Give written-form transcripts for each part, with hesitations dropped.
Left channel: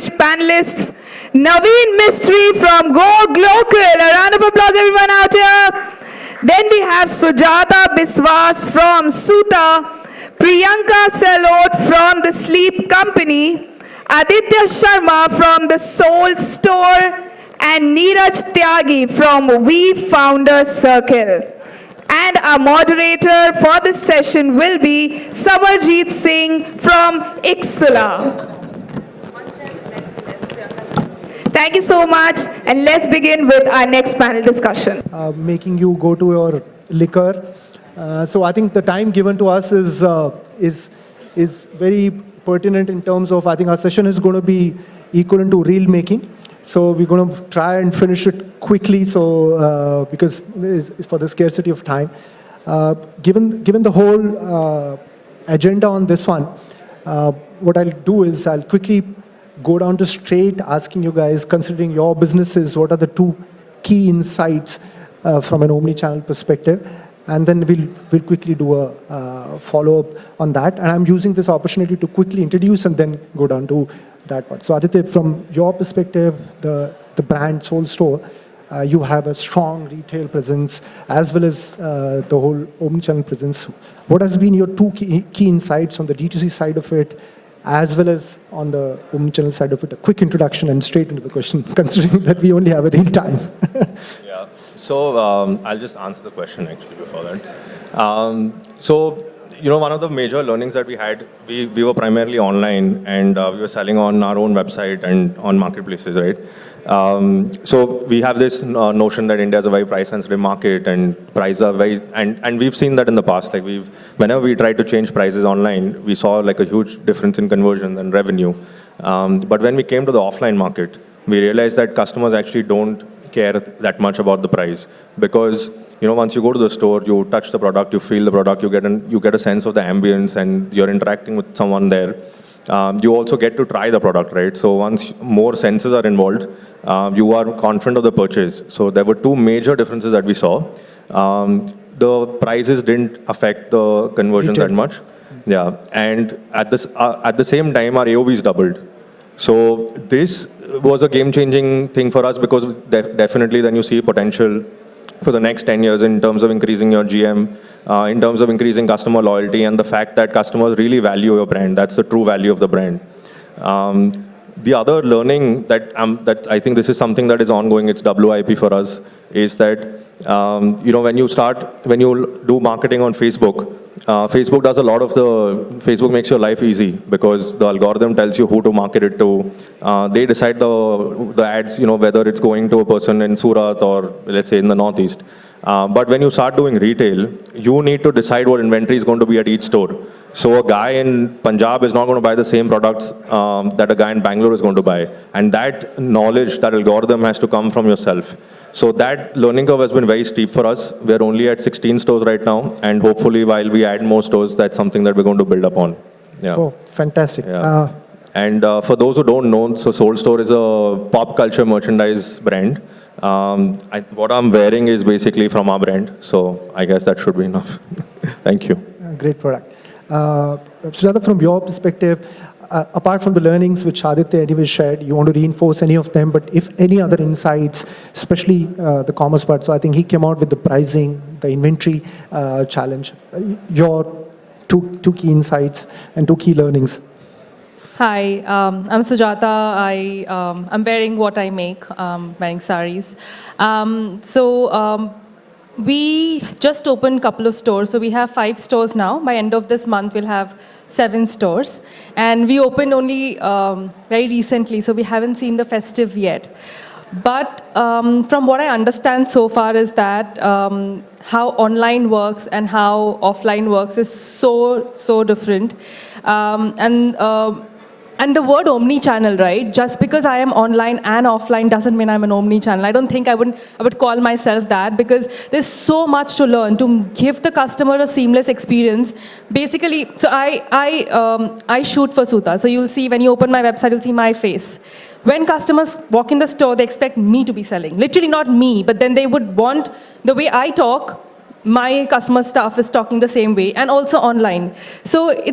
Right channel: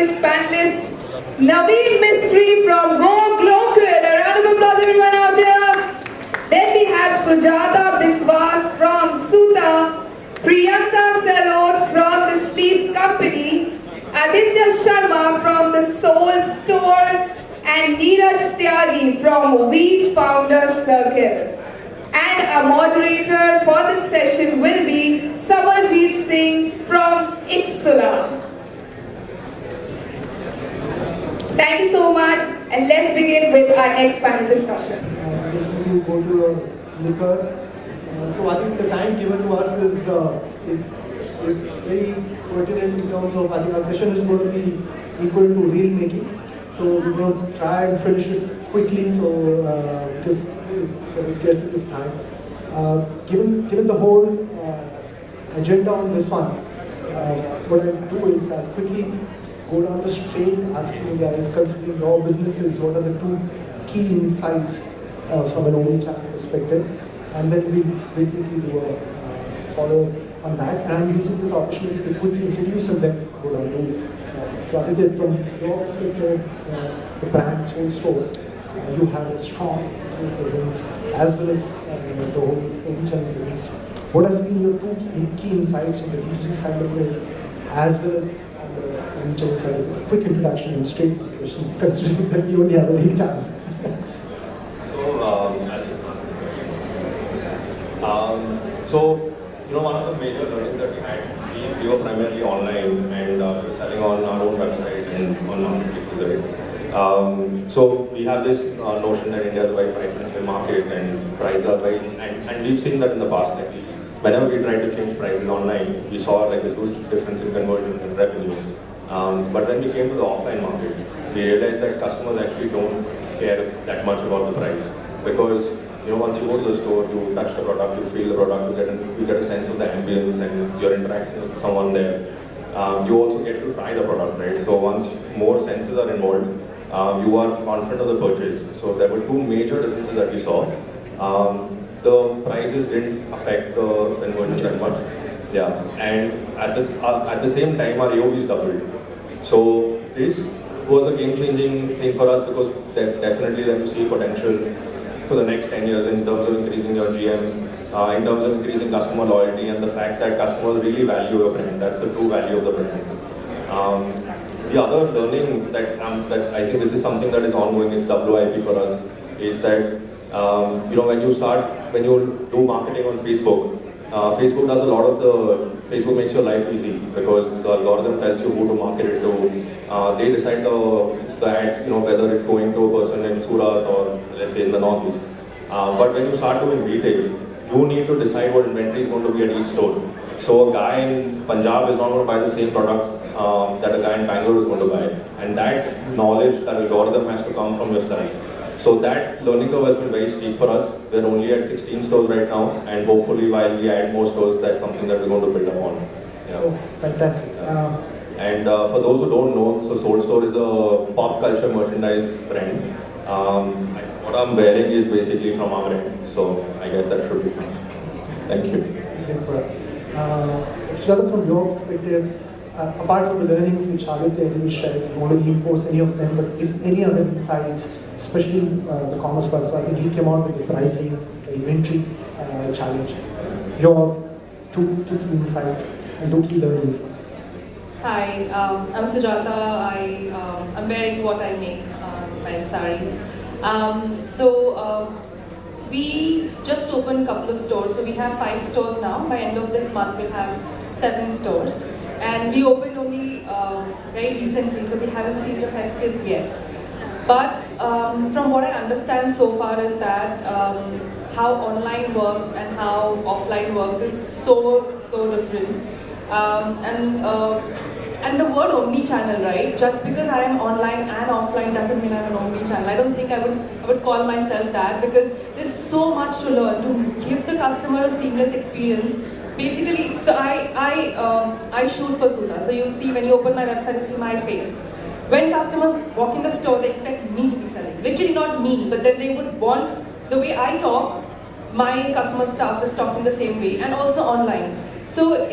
distinguished panelists, Navin Mistry from GoGlocal. A round of applause, everyone out here. Then we have Sujata Biswas from Suta, Priyanka Selot from the Sleep Company, Aditya Sharma from the Soul Store, and Neeraj Tyagi from We Founder Circle. And our moderator for this session will be Samarjeet Singh from Iksula. Thank you so much, and let's begin with our next panel discussion. Making you go to your liquor. So I think the time given to us is very pertinent in terms of, I think our session is going to be equal to reel making. So we're going to try and finish it quickly, so because it's for the scarcity of time. Given the whole agenda on this one, what I'll do is I'll quickly go down to straight asking you guys, considering your businesses, what are the two key insights from an omnichannel perspective, and then we'll quickly do a follow-up on that. And I'm using this opportunity to quickly introduce and then go down to that one. So Aditya, from your perspective, the brand Soul Store, you have a strong retail presence as well as the whole omnichannel presence. What has been your two key insights on the D2C side of it, as well as on the omnichannel side of it? A quick introduction and straight into the question, considering that we only have a little time. Yeah. So I'll just answer the question. So, one of the major learnings that we had, we were primarily online, and we were selling on our own website and on marketplaces, right? So we have this notion that India is a very price-sensitive market, and prices are very, and we've seen that in the past. Like whenever we tried to change prices online, we saw like a huge difference in conversion and revenue. But when we came to the offline market, we realized that customers actually don't care that much about the price, because once you go to the store, you touch the product, you feel the product, you get a sense of the ambience, and you're interacting with someone there. You also get to try the product, right? So once more senses are involved, you are confident of the purchase. So there were two major differences that we saw. The prices didn't affect the conversions that much. Yeah, and at the same time, our AOVs doubled. So this was a game-changing thing for us, because definitely then you see potential for the next 10 years in terms of increasing your GM, in terms of increasing customer loyalty, and the fact that customers really value your brand. That's the true value of the brand. The other learning that I think this is something that is ongoing, it's WIP for us, is that when you do marketing on Facebook, Facebook does a lot of Facebook makes your life easy, because the algorithm tells you who to market it to. They decide the ads, whether it's going to a person in Surat or let's say in the Northeast. But when you start doing retail, you need to decide what inventory is going to be at each store. So a guy in Punjab is not going to buy the same products that a guy in Bangalore is going to buy. And that knowledge, that algorithm has to come from yourself. So that learning curve has been very steep for us. We're only at 16 stores right now, and hopefully while we add more stores, that's something that we're going to build upon. Yeah. Oh, fantastic. Yeah. And for those who don't know, so Soul Store is a pop culture merchandise brand. What I'm wearing is basically from our brand, so I guess that should be enough. Thank you. Great product. Sujata, from your perspective, apart from the learnings which Aditya anyway shared, you want to reinforce any of them, but if any other insights, especially the commerce part. So I think he came out with the pricing, the inventory challenge. Your two key insights and two key learnings. Hi, I'm Sujata. I'm wearing what I make, wearing saris. We just opened a couple of stores. So we have 5 stores now. By end of this month, we'll have 7 stores. And we opened only very recently, so we haven't seen the festive yet. But from what I understand so far is that how online works and how offline works is so different. And the word omnichannel, right? Just because I am online and offline doesn't mean I'm an omnichannel. I don't think I would call myself that, because there's so much to learn to give the customer a seamless experience. Basically, so I shoot for Suta. So you'll see when you open my website, you'll see my face. When customers walk in the store, they expect me to be selling. Literally not me, but then they would want the way I talk my customer staff is talking the same way, and also online. So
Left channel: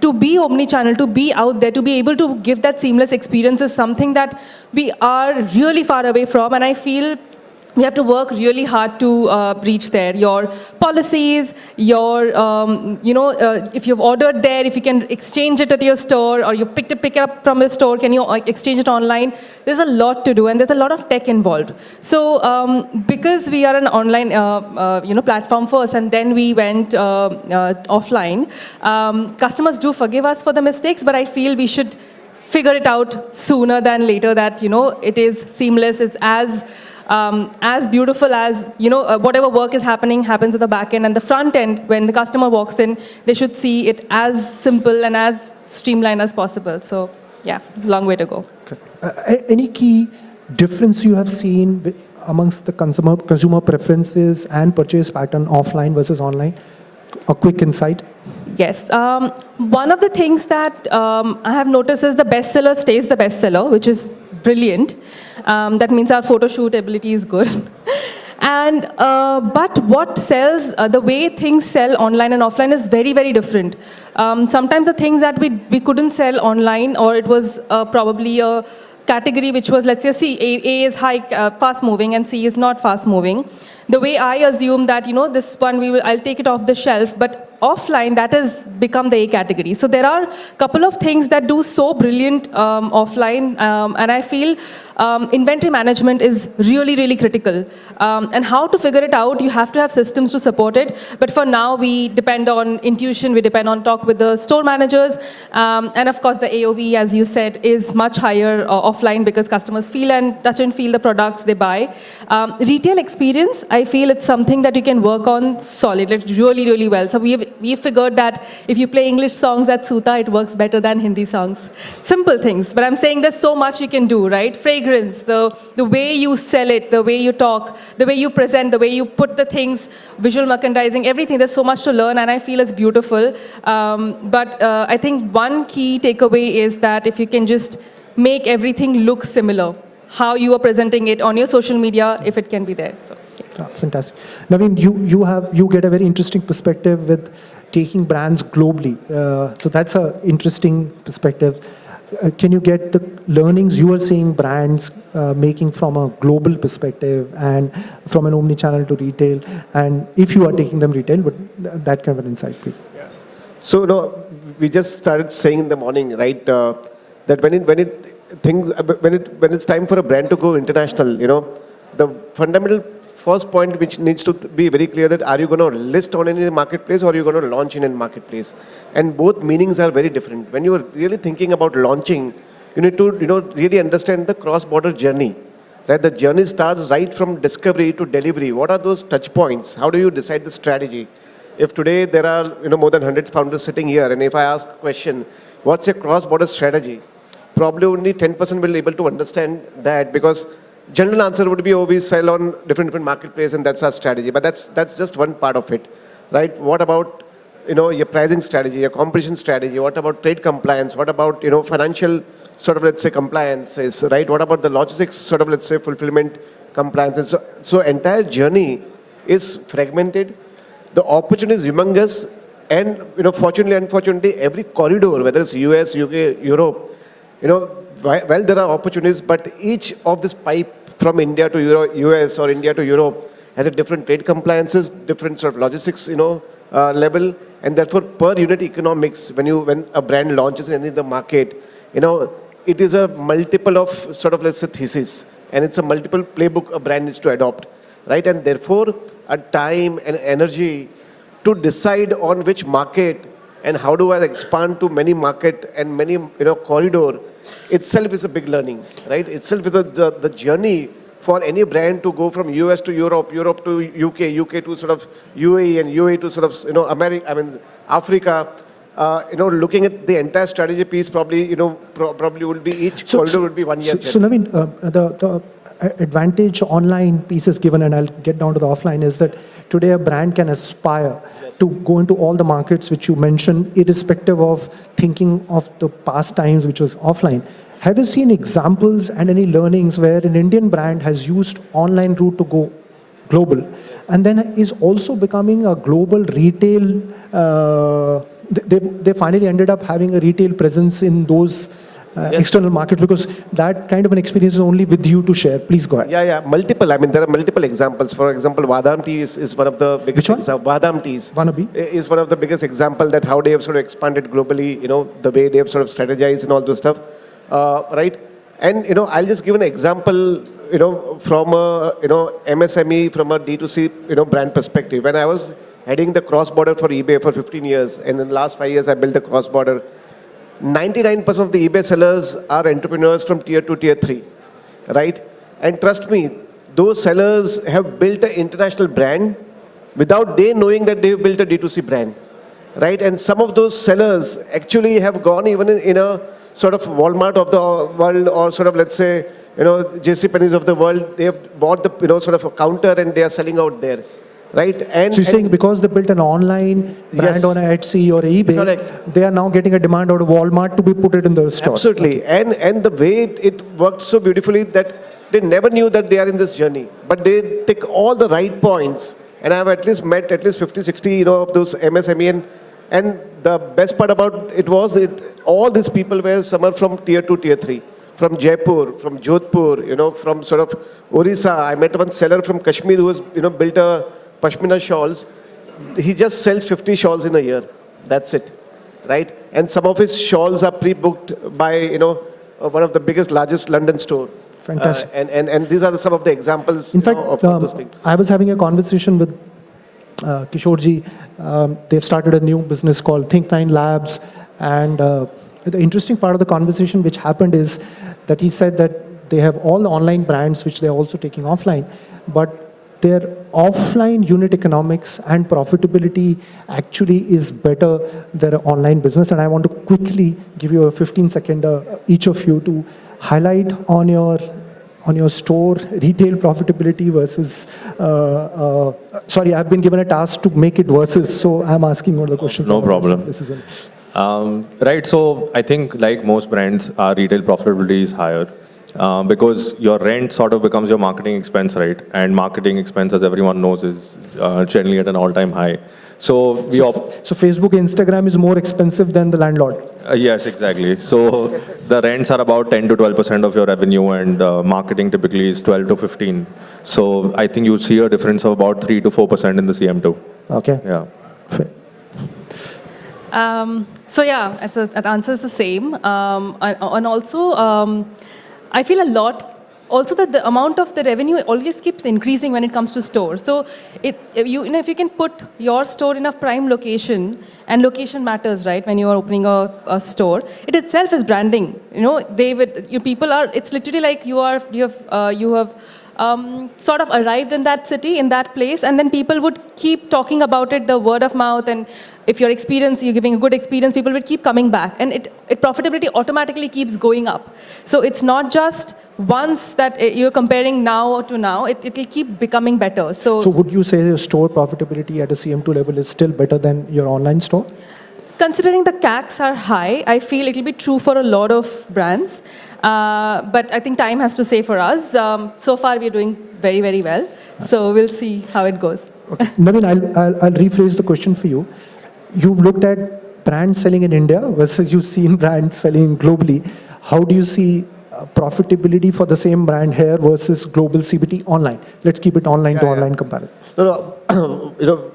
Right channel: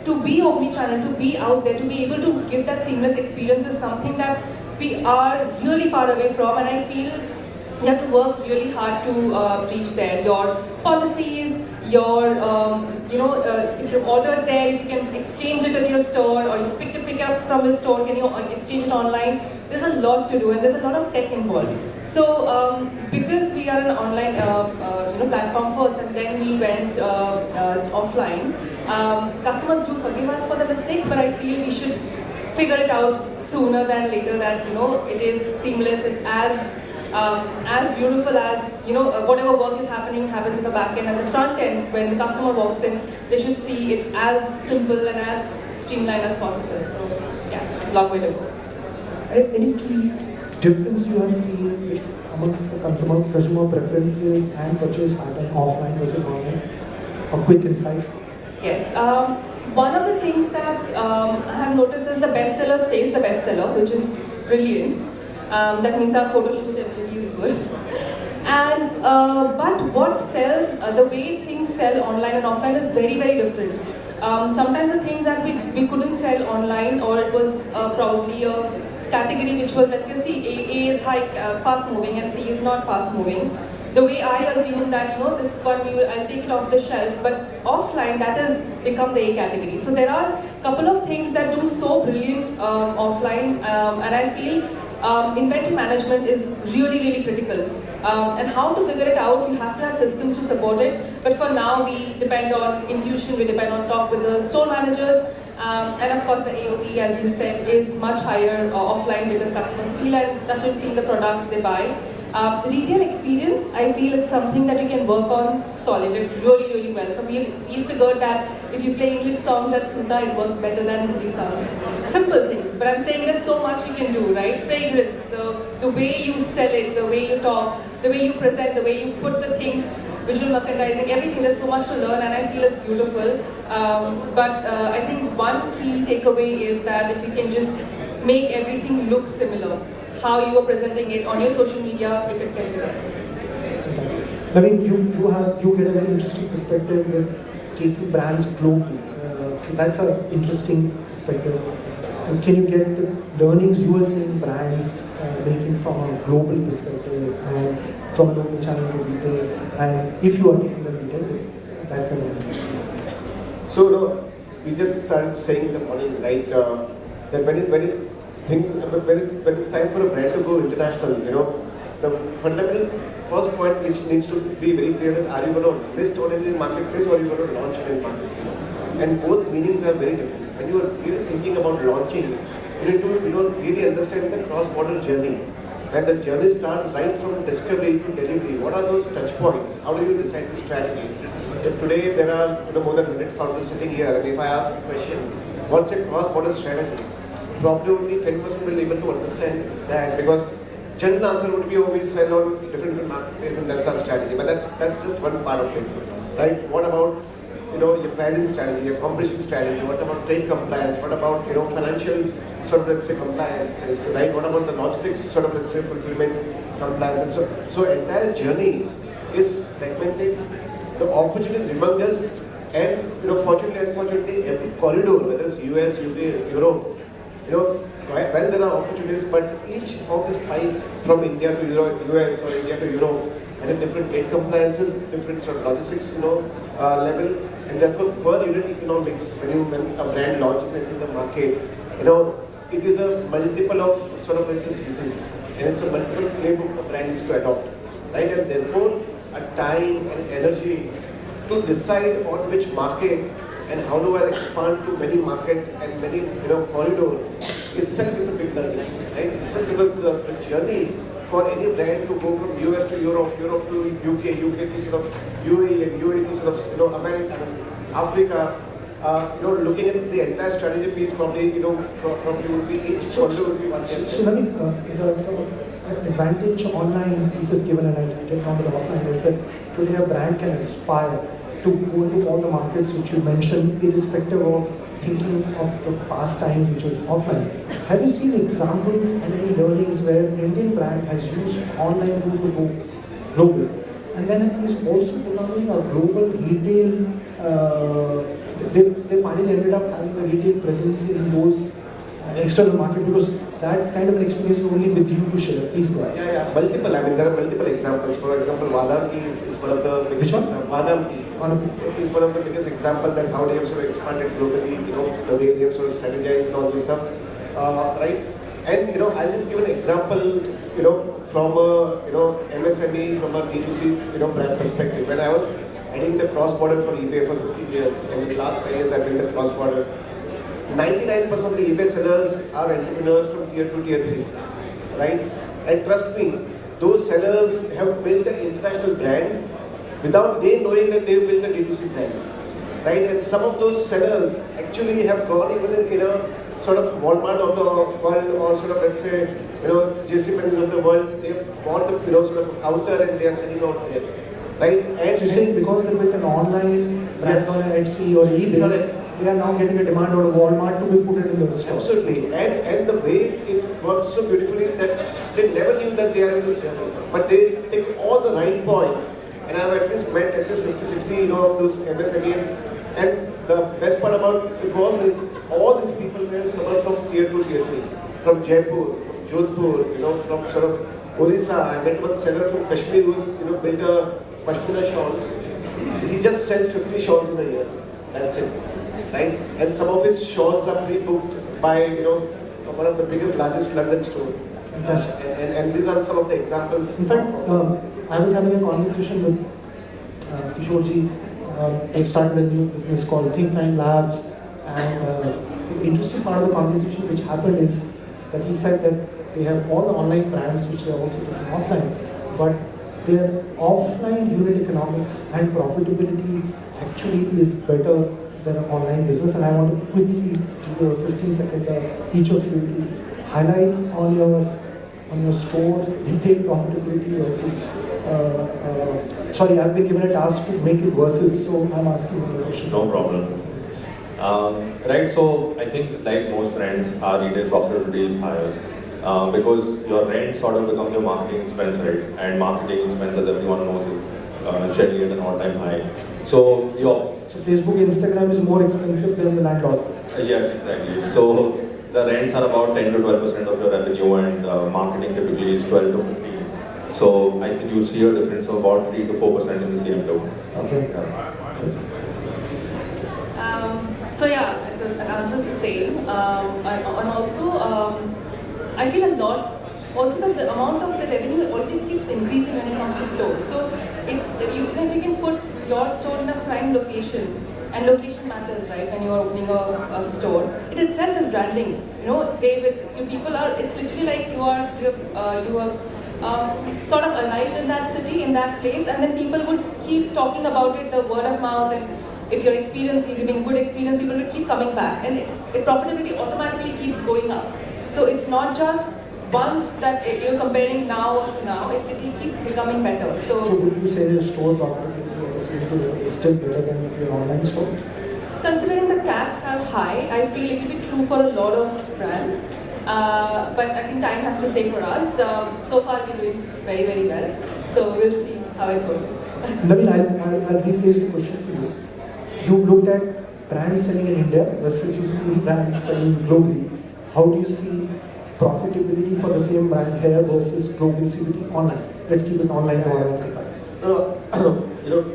to be omni-channel, to be out there, to be able to give that seamless experience is something that we are really far away from, and I feel we have to work really hard to reach there. Your policies, your, if you've ordered there, if you can exchange it at your store, or you pick it up from a store, can you exchange it online? There's a lot to do, and there's a lot of tech involved. So because we are an online platform first, and then we went offline, customers do forgive us for the mistakes, but I feel we should figure it out sooner than later, that it is seamless, it's as beautiful as whatever work is happens in the back end, and the front end, when the customer walks in, they should see it as simple and as streamlined as possible. So yeah, long way to go. Any key difference you have seen amongst the consumer preferences and purchase pattern offline versus online? A quick insight. Yes. One of the things that I have noticed is the bestseller stays the bestseller, which is brilliant. That means our photo shoot ability is good. And but what sells, the way things sell online and offline is very, very different. Sometimes the things that we couldn't sell online, or it was probably a category which was, let's say, A is fast moving and C is not fast moving. The way I assume that, this one I'll take it off the shelf, but offline that has become the A category. So there are a couple of things that do so brilliant offline, and I feel inventory management is really, really critical. And how to figure it out, you have to have systems to support it. But for now, we depend on intuition, we depend on talk with the store managers. And of course, the AOV, as you said, is much higher offline, because customers feel and touch and feel the products they buy. Retail experience, I feel it's something that you can work on solid, like really, really well. So we figured that if you play English songs at Suta, it works better than Hindi songs. Simple things, but I'm saying there's so much you can do, right? Fragrance, the way you sell it, the way you talk, the way you present, the way you put the things, visual merchandising, everything. There's so much to learn, and I feel it's beautiful. But I think one key takeaway is that if you can just make everything look similar, how you are presenting it on your social media, if it can be there. Fantastic. Navin, you get a very interesting perspective with taking brands globally. So that's an interesting perspective. Can you get the learnings you are seeing brands making from a global perspective and from an omni-channel to retail, and if you are taking them retail, but that kind of an insight, please. So we just started saying in the morning, right, that when it's time for a brand to go international, the fundamental first point which needs to be very clear, that are you going to list on any marketplace, or are you going to launch in any marketplace? And both meanings are very different. When you are really thinking about launching, you need to really understand the cross-border journey. Right? The journey starts right from discovery to delivery. What are those touch points? How do you decide the strategy? If today there are more than 100 founders sitting here, and if I ask a question, what's a cross-border strategy? Probably only 10% will be able to understand that, because general answer would be, oh, we sell on different marketplaces and that's our strategy. But that's just one part of it, right? What about your pricing strategy, your competition strategy? What about trade compliance? What about financial let's say compliances, right? What about the logistics let's say fulfillment compliance? So entire journey is fragmented. The opportunity is humongous, and fortunately, unfortunately, every corridor, whether it's US, UK, Europe, while there are opportunities, but each of this pipe from India to US or India to Europe has a different trade compliances, different logistics, level, and therefore per unit economics, when a brand launches in the market, it is a multiple of let's say thesis, and it's a multiple playbook a brand needs to adopt, right? And therefore, a time and energy to decide on which market and how do I expand to many market and many corridor itself is a big learning, right? Itself is the journey for any brand to go from US to Europe, Europe to UK, UK to UAE, and UAE to America, Africa. Looking at the entire strategy piece, probably would be each corridor would be 1 year. So Navin, the advantage online piece is given, and I'll get down to the offline, is that today a brand can aspire to go into all the markets which you mentioned, irrespective of thinking of the past times which was offline. Have you seen examples and any learnings where an Indian brand has used online route to go global, and then is also becoming a global retail. They finally ended up having a retail presence in those external markets, because that kind of an experience is only with you to share. Please go ahead. Yeah, multiple. I mean, there are multiple examples. For example, Vadam Tea is one of the biggest. Which one? Vadam Teas is one of the biggest example that how they have sort of expanded globally. You know, the way they have sort of strategized and all those stuff, right? And I'll just give an example. From a MSME, from a D2C brand perspective. When I was heading the cross-border for eBay for 15 years, and in the last 5 years I built the cross-border. 99% of the eBay sellers are entrepreneurs from tier 2, tier 3, right? And trust me, those sellers have built an international brand without they knowing that they've built a D2C brand, right? And some of those sellers actually have gone even in a sort of Walmart of the world, or sort of, let's say, JCPenney's of the world. They have bought the sort of a counter and they are selling out there, right? And so you're saying because they built an online brand Yes. on Etsy or eBay, Correct. they are now getting a demand out of Walmart to be put it in the store. Absolutely, and the way it works so beautifully that they never knew that they are in this journey, but they take all the right points. And I've at least met at least 50, 60, of those MSME, and the best part about it was that all these people were some are from tier 2, tier 3, from Jaipur, from Jodhpur, from sort of Orissa. I met one seller from Kashmir who has built a pashmina shawls. He just sells 50 shawls in a year. That's it, right? And some of his shawls are pre-booked by one of the biggest, largest London store. Fantastic. And these are some of the examples. In fact, of those things. I was having a conversation with Kishorji. They've started a new business called Think9 Labs, and the interesting part of the conversation which happened is that he said that they have all online brands which they're also taking offline, but their offline unit economics and profitability actually is better than an online business. And I want to quickly give you a 15-second each of you to highlight on your store retail profitability versus sorry, I've been given a task to make it versus, so I'm asking all the questions. No problem. This is Right, so I think like most brands, our retail profitability is higher because your rent sort of becomes your marketing expense, right? And marketing expense, as everyone knows, is generally at an all-time high. So Facebook, Instagram is more expensive than the landlord. Yes, exactly. So the rents are about 10 to 12% of your revenue, and marketing typically is 12 to 15. So I think you see a difference of about 3 to 4% in the CM2. Okay. Yeah. So yeah, it answers the same. And also, I feel a lot also that the amount of the revenue always keeps increasing when it comes to stores. So if you can put your store in a prime location, and location matters, right? When you are opening a store, it itself is branding. It's literally like you have sort of arrived in that city, in that place, and then people would keep talking about it, the word of mouth, and if you're giving a good experience, people will keep coming back, and it profitability automatically keeps going up. So it's not just once that you're comparing now to now, it will keep becoming better. So would you say store profitability at a CM2 level is still better than your online store? Considering the CACs are high, I feel it will be true for a lot of brands. But I think time has to say for us. So far, we're doing very, very well. So we'll see how it goes. Okay. Navin, I'll rephrase the question for you. You've looked at brands selling in India versus you've seen brands selling globally. How do you see profitability for the same brand here versus global CBT online? Let's keep it online to online comparison. No.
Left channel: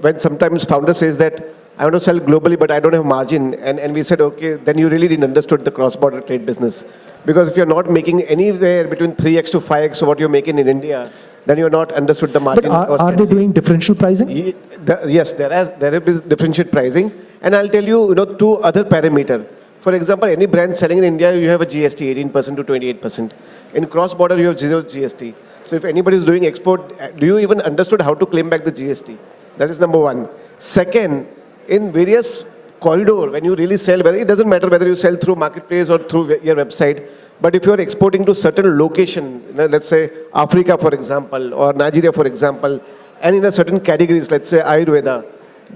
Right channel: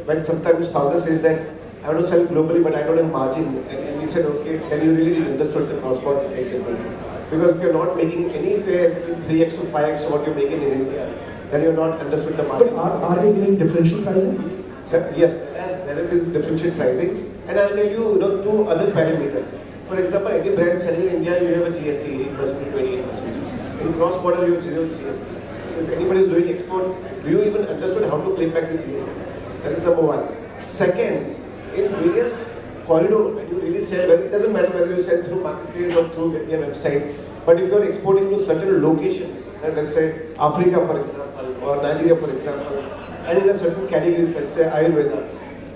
When sometimes founder says that I want to sell globally, but I don't have margin, and we said, okay, then you really didn't understood the cross-border trade business. Because if you're not making anywhere between 3x to 5x of what you're making in India, then you're not understood the margin. But are they doing differential pricing? Yes, there is differential pricing, and I'll tell you, two other parameters. For example, any brand selling in India, you have a GST 18% to 28%. In cross-border, you have zero GST. So if anybody is doing export, do you even understood how to claim back the GST? That is number one. Second, in various corridor, when you really sell, it doesn't matter whether you sell through marketplace or through your website, but if you are exporting to certain location, let's say Africa, for example, or Nigeria, for example, and in a certain categories, let's say Ayurveda,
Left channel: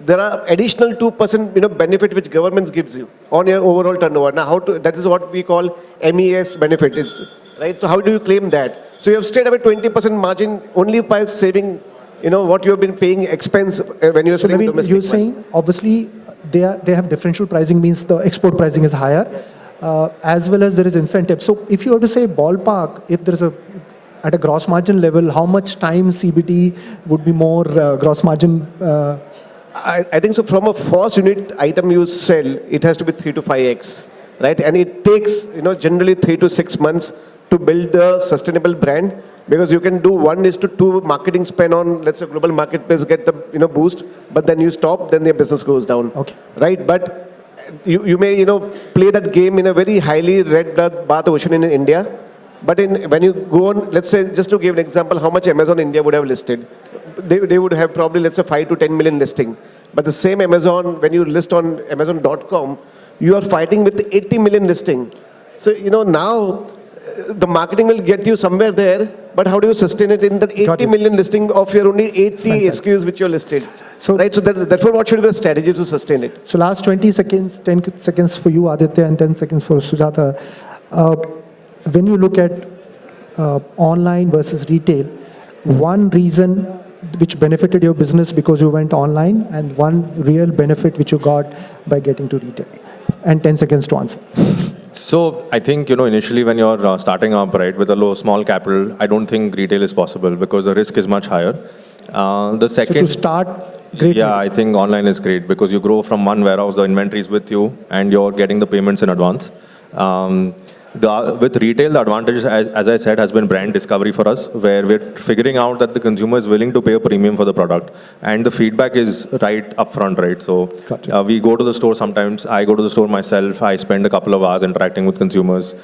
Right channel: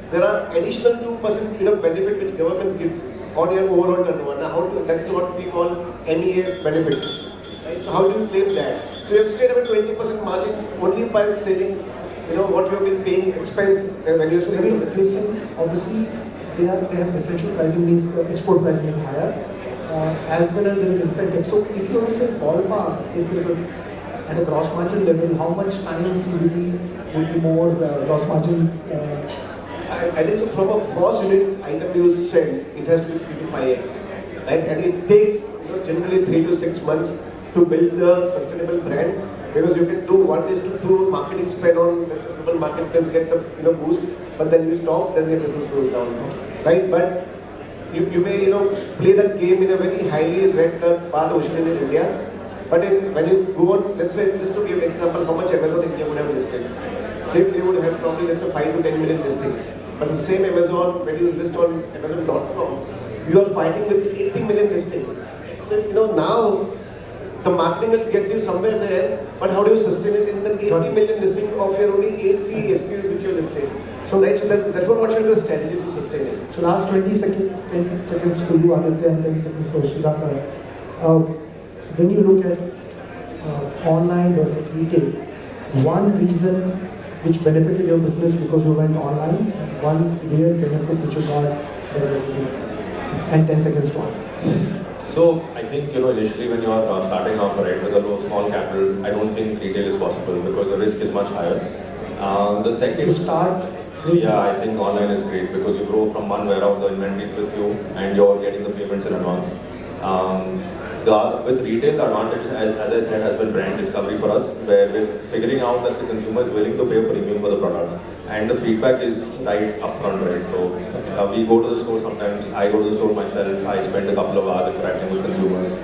there are additional 2% benefit which government gives you on your overall turnover. Now, that is what we call MES benefit, right? So how do you claim that? So you have straight away 20% margin only by saving what you have been paying expense when you're So selling Navin, domestic. you're saying obviously they have differential pricing, means the export pricing is higher, as well as there is incentive. So if you have to say ballpark, if there is at a gross margin level, how much time CBD would be more gross margin? I think so. From a first unit item you sell, it has to be 3 to 5x, right? And it takes generally 3 to 6 months to build a sustainable brand, because you can do 1:2 marketing spend on, let's say, global marketplace, get the boost, but then you stop, then your business goes down, Okay. right? But you may play that game in a very highly red bath ocean in India, but when you go on, let's say, just to give an example, how much Amazon India would have listed, they would have probably, let's say, 5 to 10 million listing. But the same Amazon, when you list on Amazon.com, you are fighting with 80 million listing. So now the marketing will get you somewhere there, but how do you sustain it in the 80 million listing of your only 80 SKUs which you're listed? So, right, so therefore what should be the strategy to sustain it? So last 20 seconds, 10 seconds for you, Aditya, and 10 seconds for Sujata. When you look at online versus retail, one reason which benefited your business because you went online, and one real benefit which you got by getting to retail. And 10 seconds to answer. So I think initially when you're starting up, right, with a small capital, I don't think retail is possible because the risk is much higher. The second, So to start, great. yeah, I think online is great because you grow from one warehouse, the inventory is with you, and you're getting the payments in advance. With retail, the advantage, as I said, has been brand discovery for us, where we're figuring out that the consumer is willing to pay a premium for the product, and the feedback is right upfront, right? So we go to the store sometimes. I go to the store myself. I spend a couple of hours interacting with consumers.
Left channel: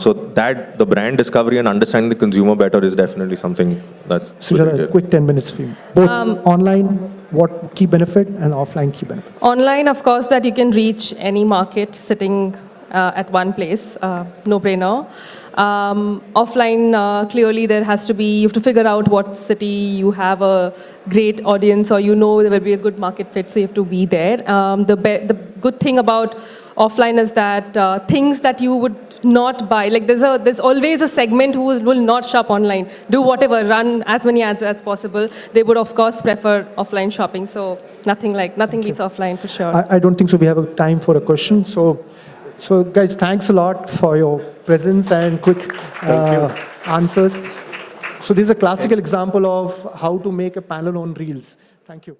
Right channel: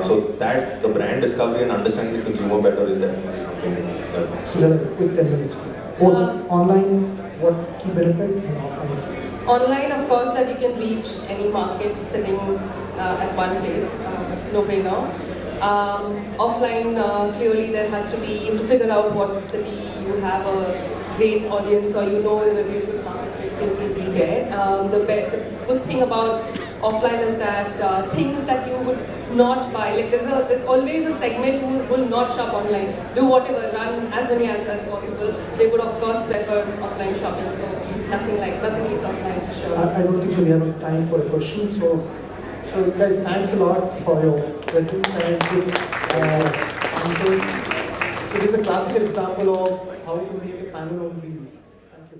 So that the brand discovery and understanding the consumer better is definitely something that's. Sujata, quick 10 minutes for you. Both online, what key benefit, and offline key benefit? Online, of course, that you can reach any market sitting at one place, no brainer. Offline, clearly there has to be, you have to figure out what city you have a great audience, or there will be a good market fit, so you have to be there. The good thing about offline is that things that you would not buy, like there's always a segment who will not shop online, do whatever, run as many ads as possible. They would of course prefer offline shopping, so nothing beats offline for sure. I don't think so. We have time for a question. So guys, thanks a lot for your presence and quick answers. So this is a classical example of how to make a panel on Reels. Thank you.